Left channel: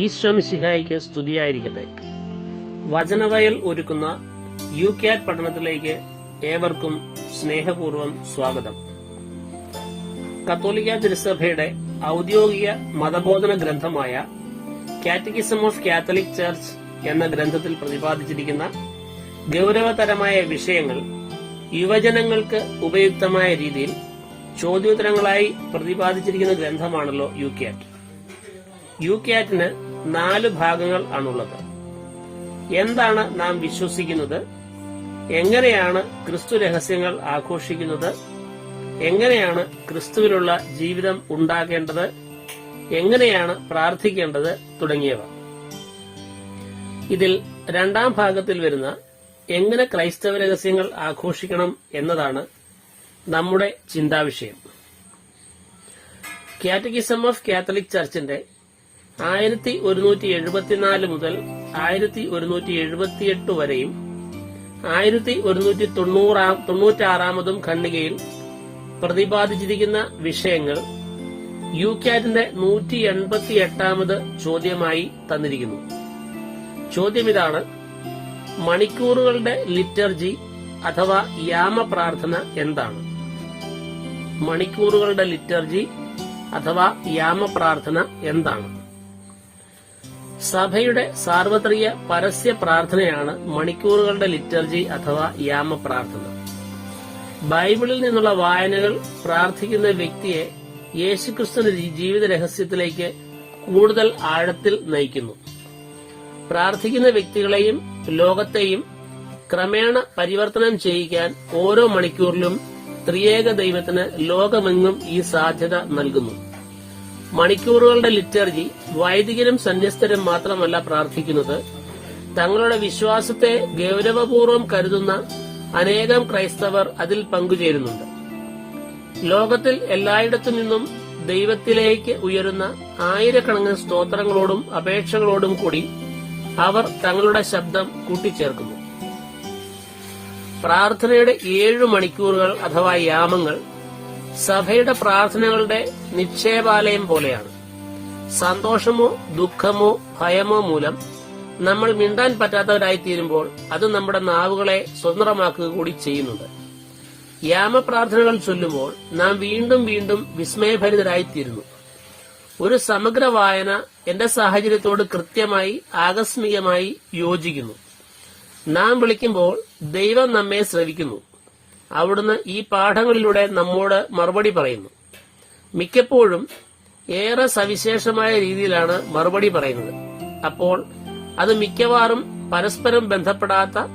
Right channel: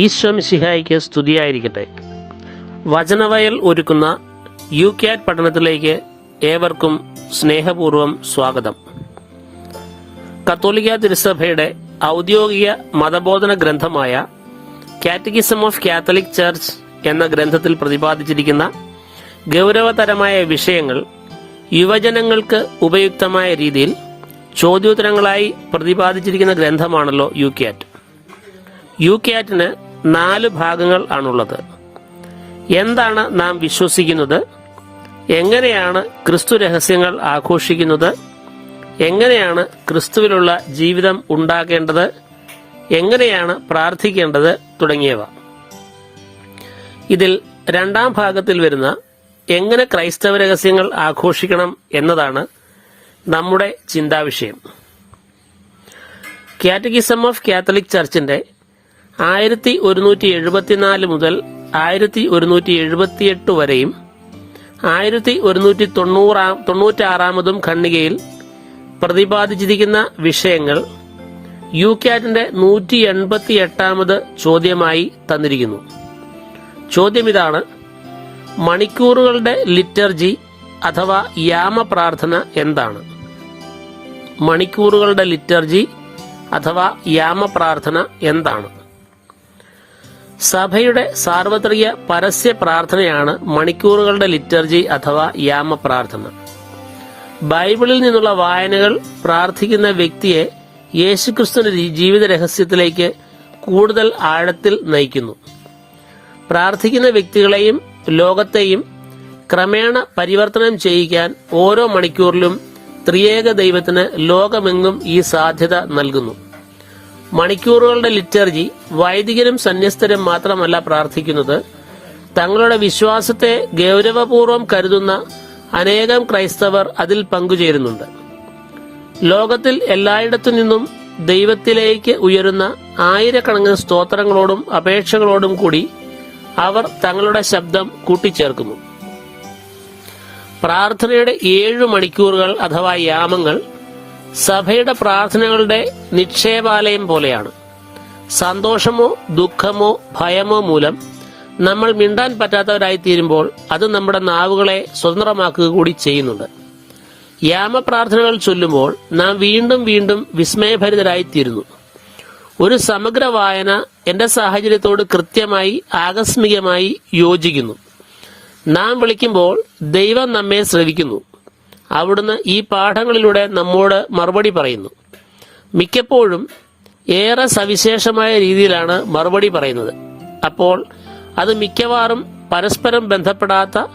ഈശ്വമിശിഹായിക്ക് സ്തുതിയായിരിക്കട്ടെ. വചനവയൽ ഒരുക്കുന്ന യു കാറ്റ് പഠനത്തിലേക്ക് ഏവർക്കും സ്നേഹപൂർവം സ്വാഗതം. കത്തോലിക്ക തിരുസഭയുടെ ഔദ്യോഗിക മതബോധന ഗ്രന്ഥമായ കാറ്റഗിസം ഓഫ് കാത്തലിക് ചർച്ച് എന്ന ഗ്രന്ഥത്തിൽ പ്രതിപാദിച്ചിരിക്കുന്ന ഗൗരവതരമായ വിഷയങ്ങൾ യുവജനങ്ങൾക്ക് ഉപയുക്തമായ രീതിയിൽ ചോദ്യോത്തരങ്ങളായി പ്രതിപാദിച്ചിരിക്കുന്ന ഗ്രന്ഥമാണല്ലോ യു ക്യാറ്റ് യു ക്യാറ്റിന് നാല് ഭാഗങ്ങൾ ആണുള്ളത്. എന്താണ് നാം വിശ്വസിക്കുന്നത്? എങ്ങനെയാണ് ക്രിസ്തു രഹസ്യങ്ങൾ ആഘോഷിക്കുന്നത്? എങ്ങനെയാണ് ക്രിസ്തുവിലുള്ള ജീവിതം ഉണ്ടാകേണ്ടത്? എങ്ങനെയാണ് പ്രാർത്ഥിക്കേണ്ടത് തുടങ്ങിയവ. ഇതിൽ രണ്ടാം ഭാഗത്തിൽ വരുന്ന എങ്ങനെ ക്രൈസ്തവ രഹസ്യങ്ങൾ ആഘോഷിക്കണം എന്നതാണ് നമ്മുടെ ചിന്താവിഷയം. കാറ്റഗിസം ഓഫ് കാത്തലിക് ചർച്ചിന്റെ ആയിരത്തി ഒരുന്നൂറ്റി എഴുപത്തിനാല് മുതൽ ആയിരത്തി ഒരുന്നൂറ്റി എഴുപത്തിയെട്ട് വരെയും ആയിരത്തി ഒരുന്നൂറ്റി തൊണ്ണൂറാം തൊണ്ണൂറ്റാറാമതും ഖണ്ഡികയിൽ പ്രതിപാദിച്ചിരിക്കുന്ന വിഷയങ്ങൾ യു ക്യാറ്റിന്റെ നൂറ്റി എൺപത്തി എട്ടാമത് ചോദ്യമായി തന്നിരിക്കുന്നു. ചോദ്യം ഇതാണ് മണിക്കൂറുകളുടെ ലിറ്റർജി അഥവാ യാമ പ്രാർത്ഥന എന്താണ്? മണിക്കൂറുകളുടെ ലിറ്റർജി അഥവാ യാമ പ്രാർത്ഥന എന്താണ്? സഭയുടെ സാർവത്രിക പരസ്യ പ്രാർത്ഥനയാണ് മണിക്കൂറുകളുടെ ലിറ്റർജി അഥവാ യാമ പ്രാർത്ഥന ബൈബിളിൽ നിന്നുള്ള വായനകൾ പ്രാർത്ഥിക്കുന്ന വ്യക്തിയെ യേശുക്രിസ്തുവിന്റെ ജീവിത രഹസ്യത്തിലേക്ക് കൂടുതൽ ആഴത്തിൽ നയിക്കുന്നു. പ്രാർത്ഥിക്കുന്ന വ്യക്തികളെയും ലോകത്തെയും ക്രമേണ പരിവർത്തനം ചെയ്യിക്കാൻ ഓരോ മണിക്കൂറിലും ത്രിയേക ദൈവത്തിന് ലോകമെങ്ങും ഈ സാധ്യത നൽകുന്നു. മണിക്കൂറുകളുടെ ലിറ്റർജി വൈദികരും സന്യസ്തരും മാത്രമല്ല പ്രാർത്ഥിക്കുന്നത്. തങ്ങളുടെ വിശ്വാസത്തെ ഗൗരവപൂർവം കരുതുന്ന അനേകം ക്രൈസ്തവർ അതിൽ പങ്കുചേരുന്നുണ്ട്. ലോകത്തിൽ എല്ലായിടത്തു നിന്നും ദൈവത്തിലേക്ക് ഉയരുന്ന ആയിരക്കണക്കിന് സ്തോത്രങ്ങളോടും അപേക്ഷകളോടും കൂടി അവർ തങ്ങളുടെ ശബ്ദം കൂട്ടിച്ചേർക്കുന്നു. പ്രാർത്ഥനയുടെ ഏഴ് മണിക്കൂറുകൾ അഥവാ യാമങ്ങൾ സഭയുടെ പ്രാർത്ഥനകളുടെ നിക്ഷേപാലയം പോലെയാണ്. സന്തോഷമോ ദുഃഖമോ ഭയമോ മൂലം നമ്മൾ മിണ്ടാൻ പറ്റാത്തവരായി തീരുമ്പോൾ അത് നമ്മുടെ നാവുകളെ സ്വതന്ത്രമാക്കുക കൂടി ചെയ്യുന്നുണ്ട്. യാമപ്രാർത്ഥനകൾ ചൊല്ലുമ്പോൾ നാം വീണ്ടും വീണ്ടും വിസ്മയഭരിതരായി തീരുന്നു ഒരു സമഗ്ര വായന എന്റെ സാഹചര്യത്തോട് കൃത്യമായി ആകസ്മികമായി യോജിക്കുന്നു. നാം വിളിക്കുമ്പോൾ ദൈവം നമ്മെ ശ്രവിക്കുന്നു. അവിടുന്ന് ഈ പാഠങ്ങളിലൂടെ നമ്മോട് മറുപടി പറയുന്നു. മിക്കപ്പോഴും ഏറെ സവിശേഷമായ രീതിയിലാണ് മറുപടി പറയുന്നത്. അപ്പോൾ അത് മിക്കവാറും പരസ്പരം ബന്ധപ്പെടാത്ത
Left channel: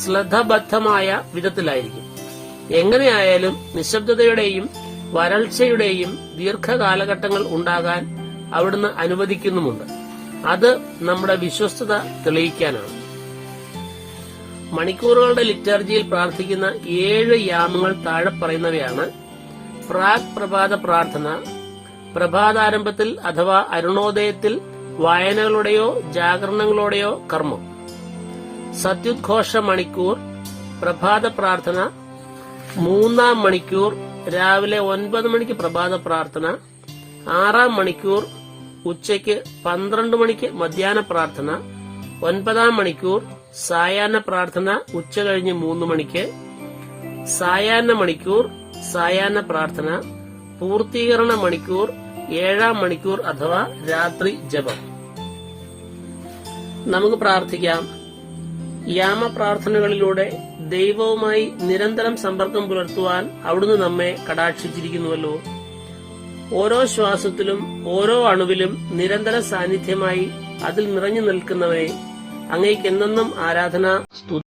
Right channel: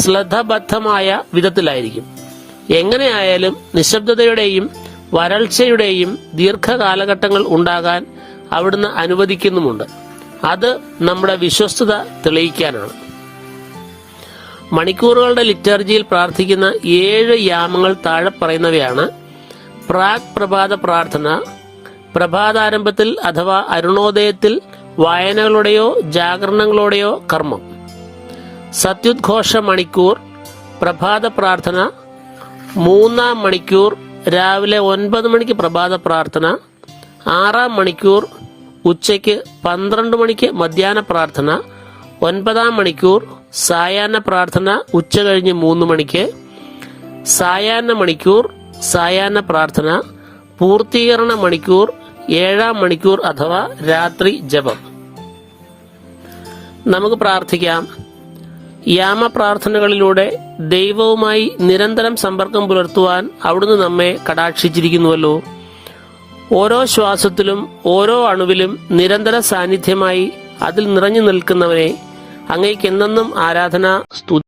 ശ്രദ്ധബദ്ധമായ വിധത്തിലായിരിക്കും. എങ്ങനെയായാലും നിശബ്ദതയുടെയും വരൾച്ചയുടെയും ദീർഘകാലഘട്ടങ്ങൾ ഉണ്ടാകാൻ അവിടുന്ന് അനുവദിക്കുന്നുമുണ്ട്. അത് നമ്മുടെ വിശ്വസ്തത തെളിയിക്കാനാണ്. മണിക്കൂറുകളുടെ ലിറ്റർജിയിൽ പ്രാർത്ഥിക്കുന്ന ഏഴ് യാമങ്ങൾ താഴെ പറയുന്നവയാണ് പ്രാക് പ്രഭാത പ്രാർത്ഥന പ്രഭാതാരംഭത്തിൽ അഥവാ അരുണോദയത്തിൽ വായനകളുടെയോ ജാഗരണങ്ങളുടെയോ കർമ്മം. സത്യുദ്ഘോഷ മണിക്കൂർ പ്രഭാത പ്രാർത്ഥന മൂന്നാം മണിക്കൂർ രാവിലെ ഒൻപത് മണിക്ക് പ്രഭാത പ്രാർത്ഥന ആറാം മണിക്കൂർ ഉച്ചയ്ക്ക് പന്ത്രണ്ട് മണിക്ക് മധ്യാഹ്ന പ്രാർത്ഥന ഒൻപതാം മണിക്കൂർ സായാഹ്ന പ്രാർത്ഥന ഉച്ച കഴിഞ്ഞ് മൂന്ന് മണിക്ക് സായാഹ്ന മണിക്കൂർ സായാഹ്ന പ്രാർത്ഥന പൂർത്തീകരണ മണിക്കൂർ ഏഴാം മണിക്കൂർ അഥവാ രാത്രി ജപം. നമുക്ക് പ്രാർത്ഥിക്കാം. യാമ പ്രാർത്ഥനകളിലൂടെ ദൈവവുമായി നിരന്തരം സമ്പർക്കം പുലർത്തുവാൻ അവിടുന്ന് നമ്മെ കടാക്ഷിച്ചിരിക്കുന്നുവല്ലോ. ഓരോ ശ്വാസത്തിലും ഓരോ അണുവിലും നിരന്തര സാന്നിധ്യമായി അതിൽ നിറഞ്ഞു നിൽക്കുന്നവനെ അങ്ങേക്ക് എന്നെന്നും ആരാധന സ്തുതി